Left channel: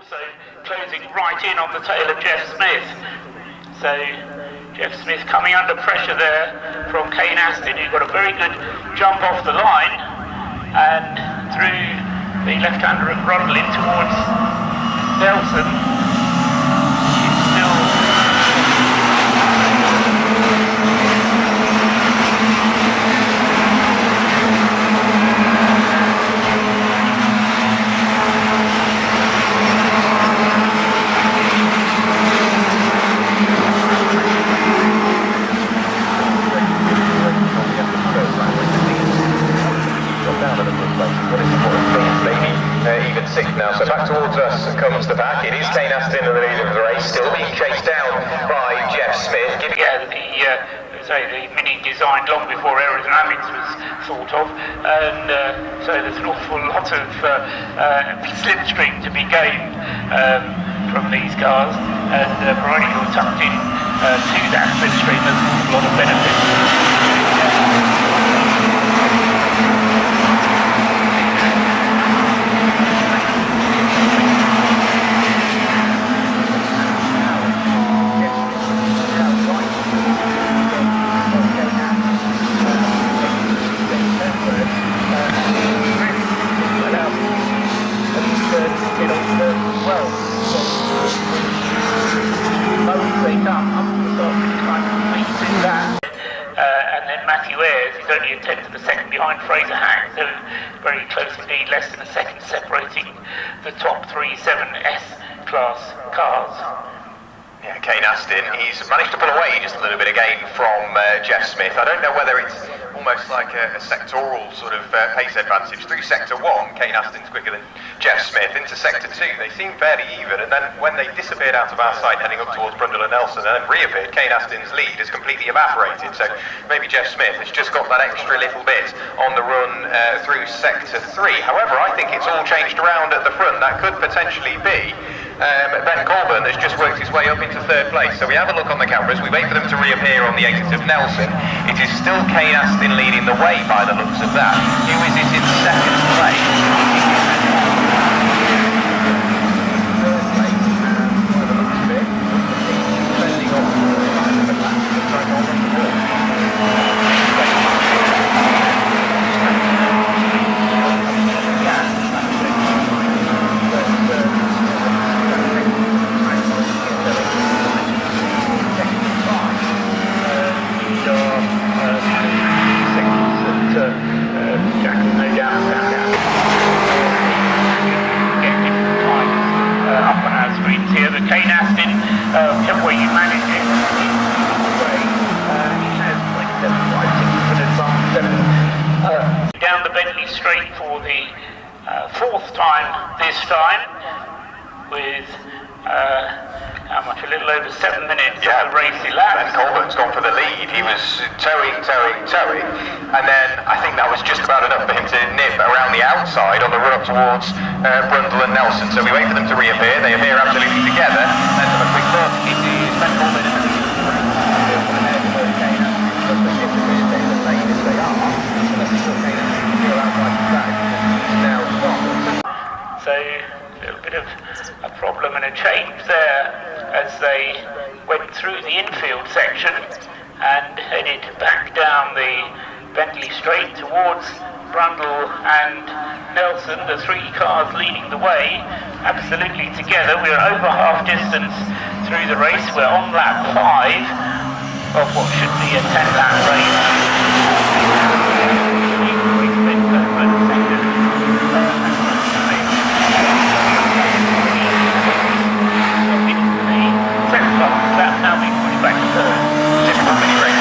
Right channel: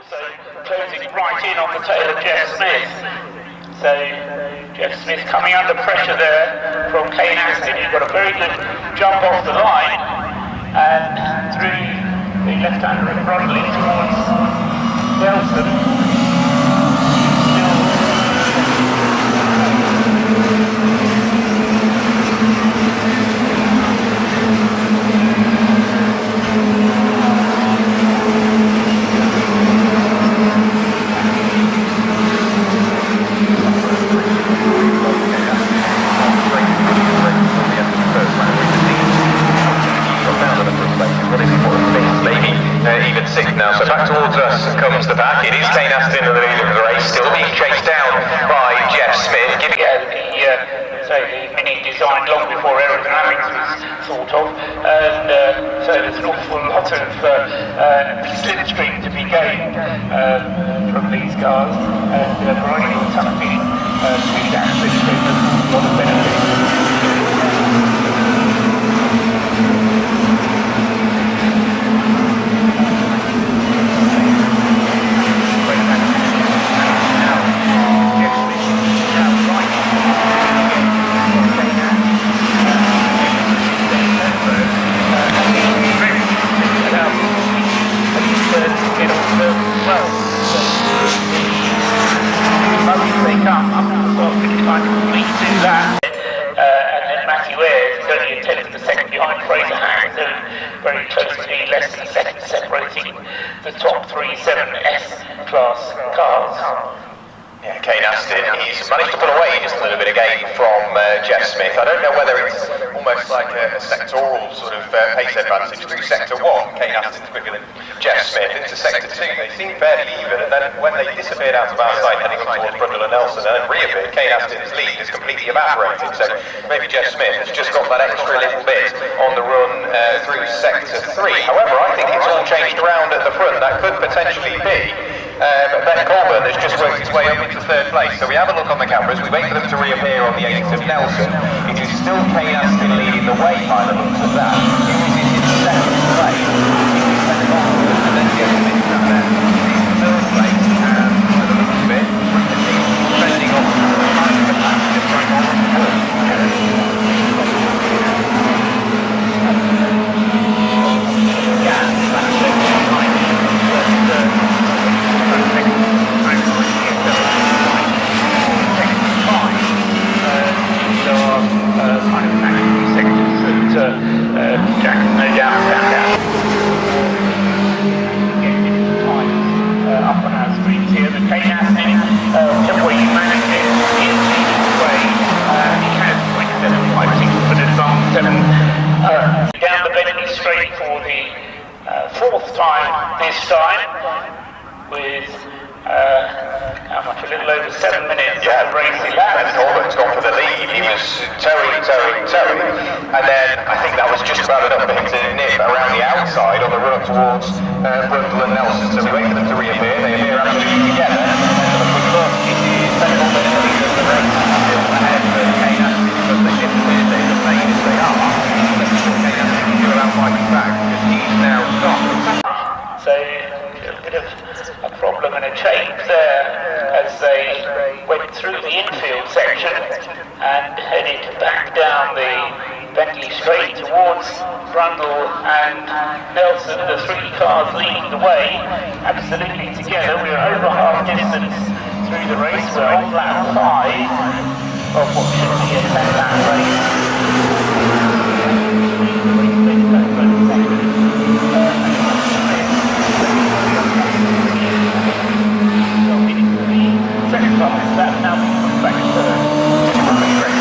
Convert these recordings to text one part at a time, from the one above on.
Also closing right in on the tail of Jeff Smith. So Jeff Smith coming under pressure there from Kane Astin, who got a very good jump off the line and through the left-hander and Brundle in towards Nelson. The Mini designed long before aerodynamics was thought of, and so there's an awful lot of slipstream to be gained from these cars, and providing all tucked in to that slipstream, there's a lot of benefit. Only a tenth of a second behind Fraser Hang, so very close indeed, less than a second separating the top 3 7S class cars. Yeah, Kane Astin, he's managed to pull away just a little bit again from Jeff Smith. I don't know whether it's almost like a sectoral sort of pace advantage. Through sector 1, Kane Astin's quicker than Jeff Smith. Into sector 2, they seem fairly even, and then when they disappeared out of our sight heading up towards Brundle and Nelson and then reappeared, Kane Astin's lead is completely evaporated. So maybe Jeff Smith has just got that extra little bit on the run through sector 3. However, I think it's all changed around at the front. That could potentially be Ben Colburn has just worked his way up into 3rd place. So we have a look on the cameras, we wait for them to reappear on the 8th of Nelson. It is still Kane Astin leading the way by the looks of that. Who is it in 2nd place? It is Ben Colburn. And then straight for the 4th time this time, with how much, a little over 7 minutes of race elapsed. Ben Colburn's gone for the lead. He was towing, and then I think that was just about enough for him to nip around the outside on the run up towards Brundle and Nelson. So we wait for them to reappear. They appear absolutely together, and have a quick look. It is Ben Colburn in the lead of the race. So a little bit of a problem and a change there as they went through the infield section and headed back down the Bentley Straight towards Brundle and Nelson, the 3 cars leading the way, absolutely together. We're over half distance through the race. We're on lap 5 of what should be a 10-lap race. The race Ben Coburn second. Second class, that's now being pushed back to 3rd. Just one minute race.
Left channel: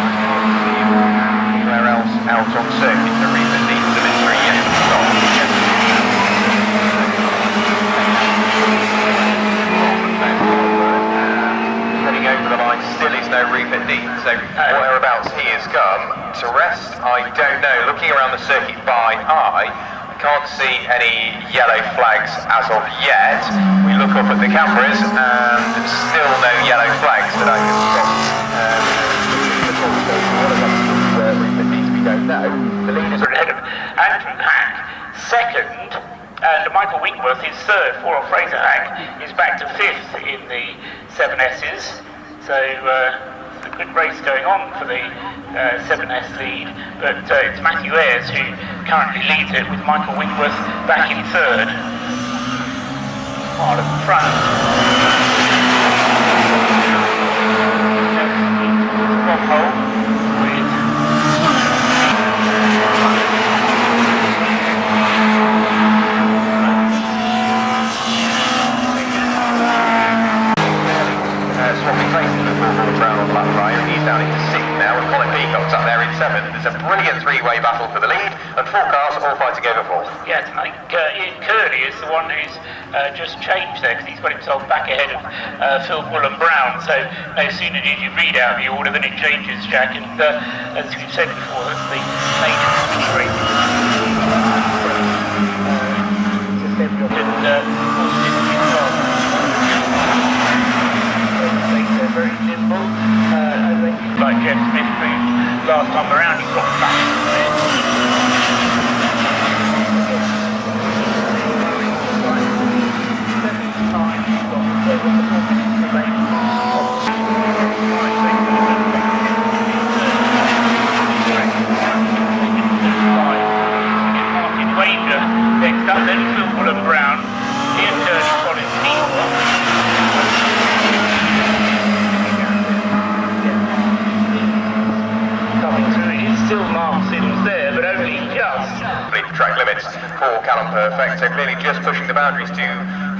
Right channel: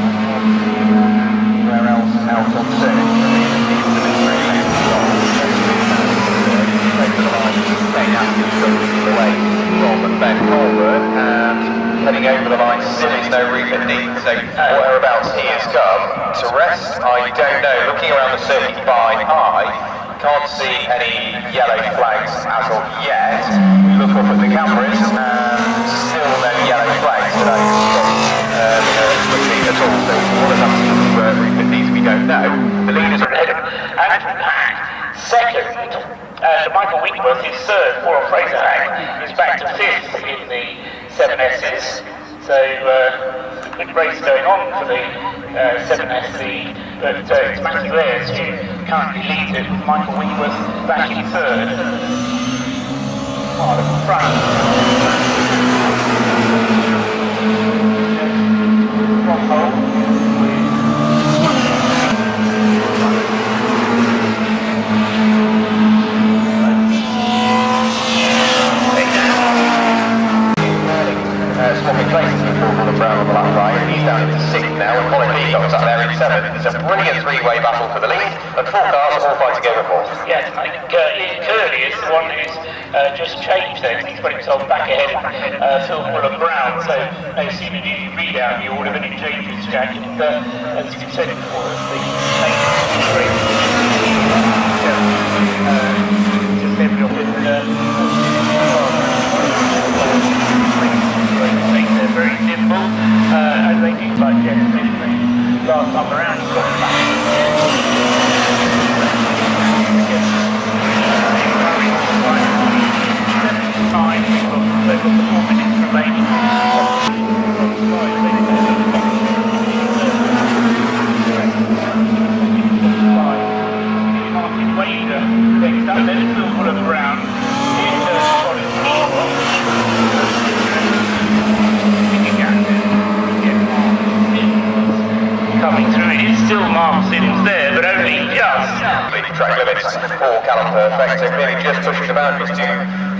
I can't see him anywhere else out on circuit. The reason these delivery yet to stop. Jeff Smith now in 3rd. If you take to the line, Kane Astin still leading the way from Ben Colburn, and heading over the line still is no Rupert Dean, so whereabouts he has come to rest, I don't know. Looking around the circuit by eye, I can't see any yellow flags as of yet. We look up at the cameras and still no yellow flags today. Andrew Hack second, and Michael Winkworth is third. Poor old Fraser Hack is back to fifth in the 7S's. So a good race going on for the 7S lead, but it's Matthew Ayres who currently leads it, with Michael Winkworth back in third. Hard at the front. From hole with swapping places with Phil Brown on the lap prior, and he's down into 6th now, and Colin Peacock's up there in 7th. There's a brilliant three-way battle for the lead, and 4 cars all fighting over 4th. Yeah, I think Ian Curley is the one who's just changed there, because he's got himself back ahead of Phil Brown. So no sooner did you read out the order than it changes, Jack. And as we've said before, that's the main race. Like Jeff Smith proved last time around, he's got back. Martin Wager next up, then it's Phil Brown, here's Colin Peacock. Track limits for Callum Perfect, so clearly just pushing the boundaries too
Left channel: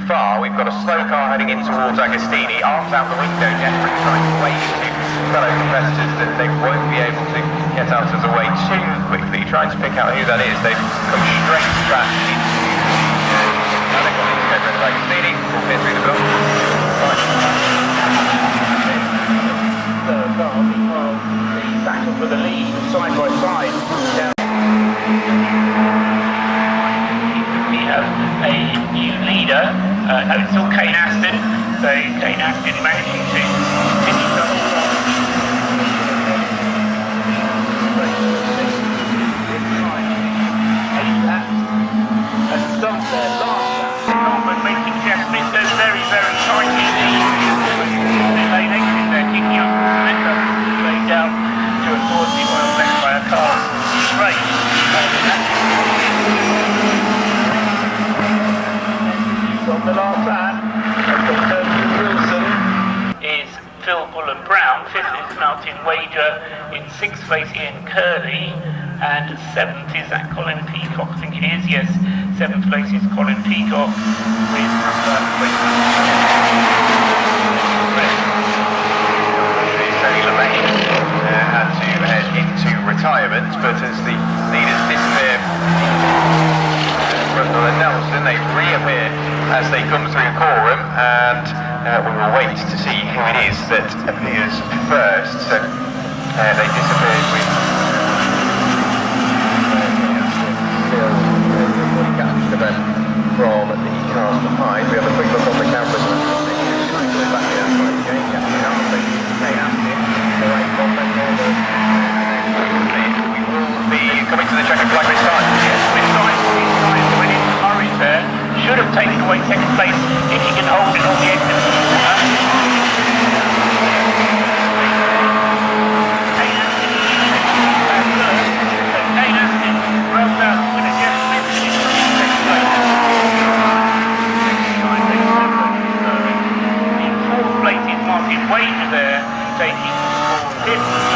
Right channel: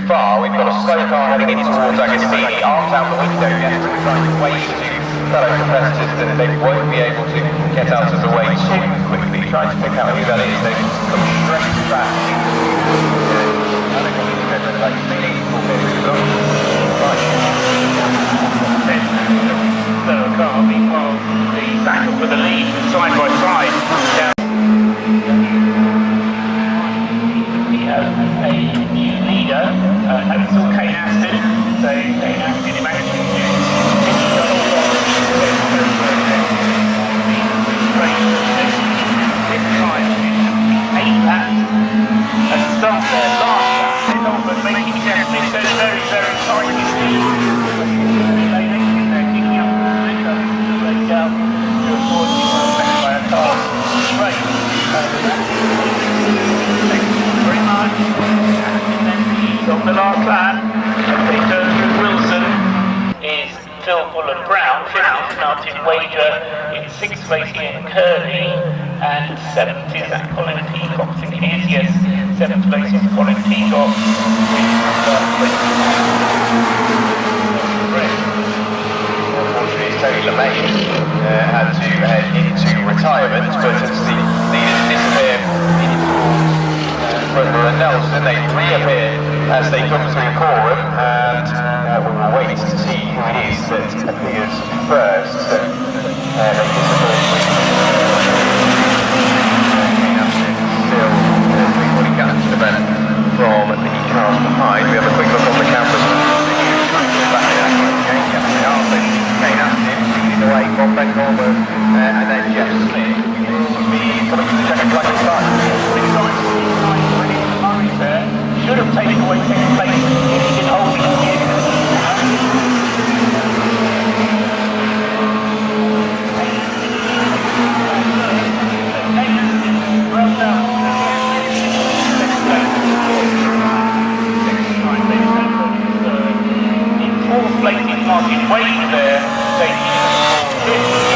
far. We've got a slow car heading in towards Agostini, arms out the window, desperately trying to wave to fellow competitors that they won't be able to get out of the way too quickly, trying to pick out who that is. They've come straight back into the paddock on the east end of Agostini, all clear through the block. Back with the lead, side by side. We have a new leader, it's still Kane Astin, so Kane Astin is managing to finish the whole lot. Colbert making Jeff Smith go very, very tight in the almost pit lane exit there, kicking up the momentum laid down to avoid the oil left by a car straight. Phil Brown, 5th is Martin Wager, in 6th place Ian Curley, and 7th is that Colin Peacock. I think it is, yes. 7th place is Colin Peacock Unfortunately, Tony Lemaine had to head into retirement, but as the leaders disappear in towards Rundle and Nelson, they reappear as they come through Coram, and we will wait to see who it is that appears first. So they disappeared with from the car behind. We have a quick look on the camera. And then Jeff Smith. We will be coming to the checkered flag this time. Yes, Smith started going into Murray's there. Should have taken away 2nd place if he can hold it on the end of the Kane Astin rolled out with a Jeff Smith in 2nd place, 2nd behind, Ben Colbert is 3rd. In 4th place is Martin Wager there, taking 5th.